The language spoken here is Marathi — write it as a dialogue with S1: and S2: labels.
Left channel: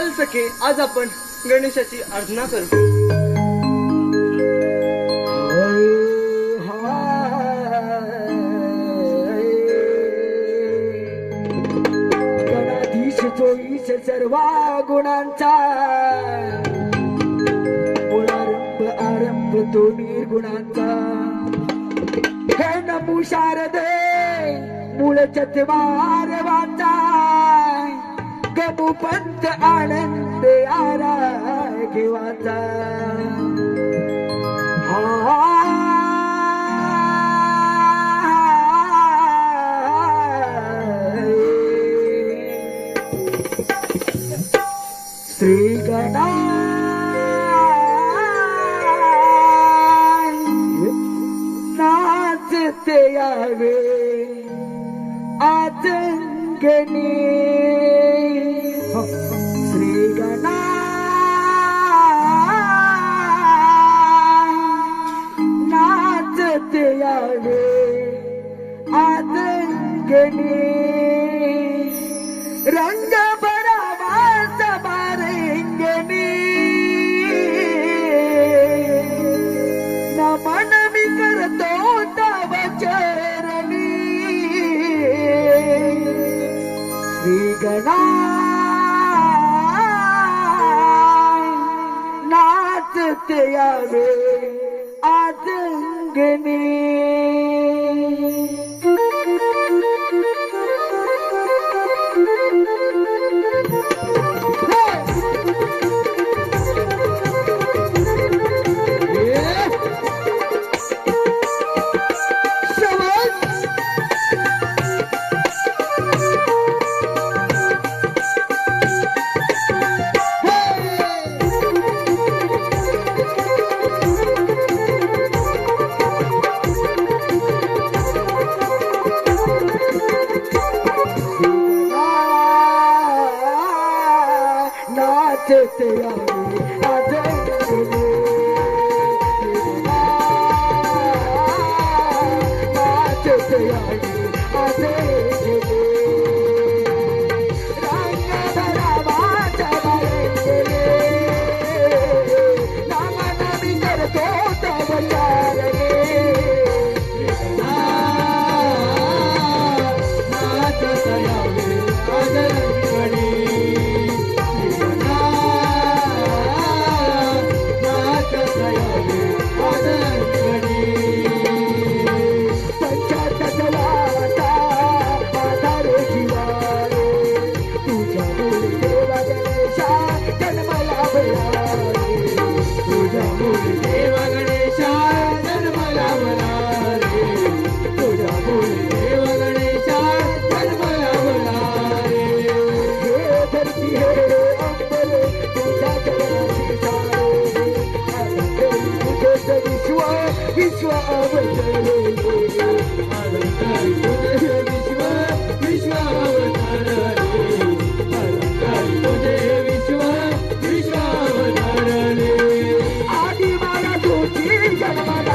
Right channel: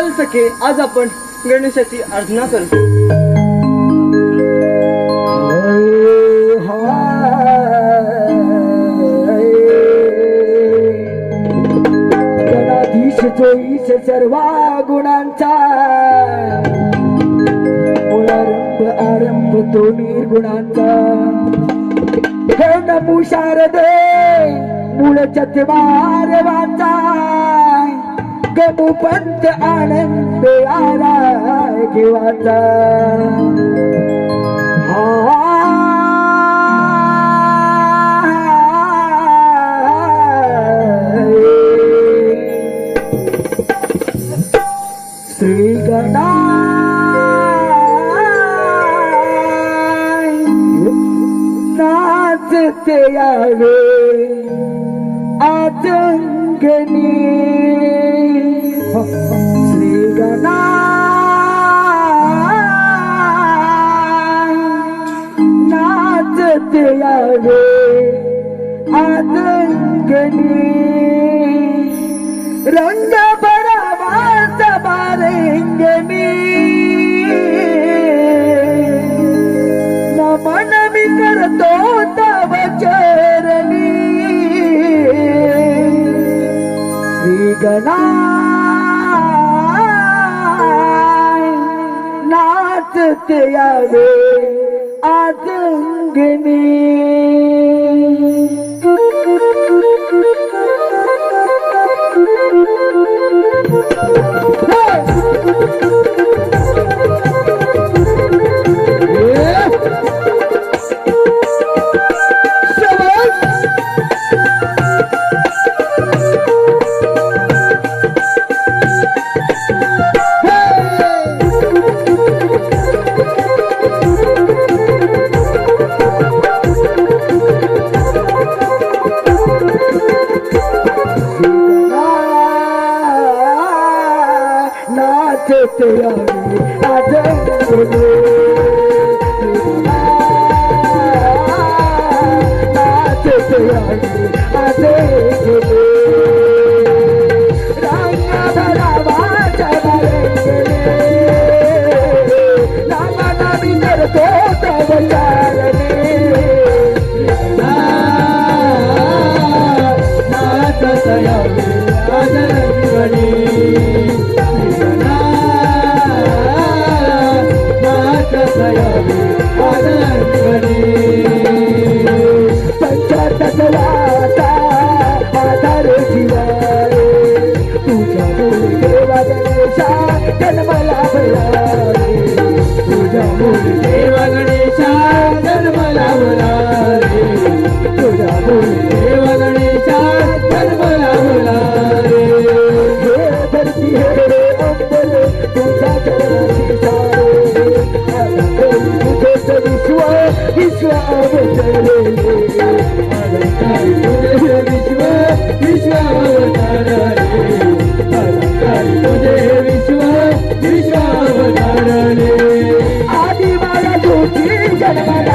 S1: चल सखे आज आपण गणेशाची अर्चना
S2: करतो. ईश सर्वा गुणांचा पुनरंभ आरंभ तो निर्गुणांचा. हे नमू शारदे मूळ चतवार वाचा पंत आनंद आला घेवाचा श्री नाचते यावे आतंगणी श्री नाचते यावे आतंगणी रंग बरावाचा बारंगणी नमन मी करतो तव चरणी श्री गणा नाचत यावे आतंगणी Just a young Thank you.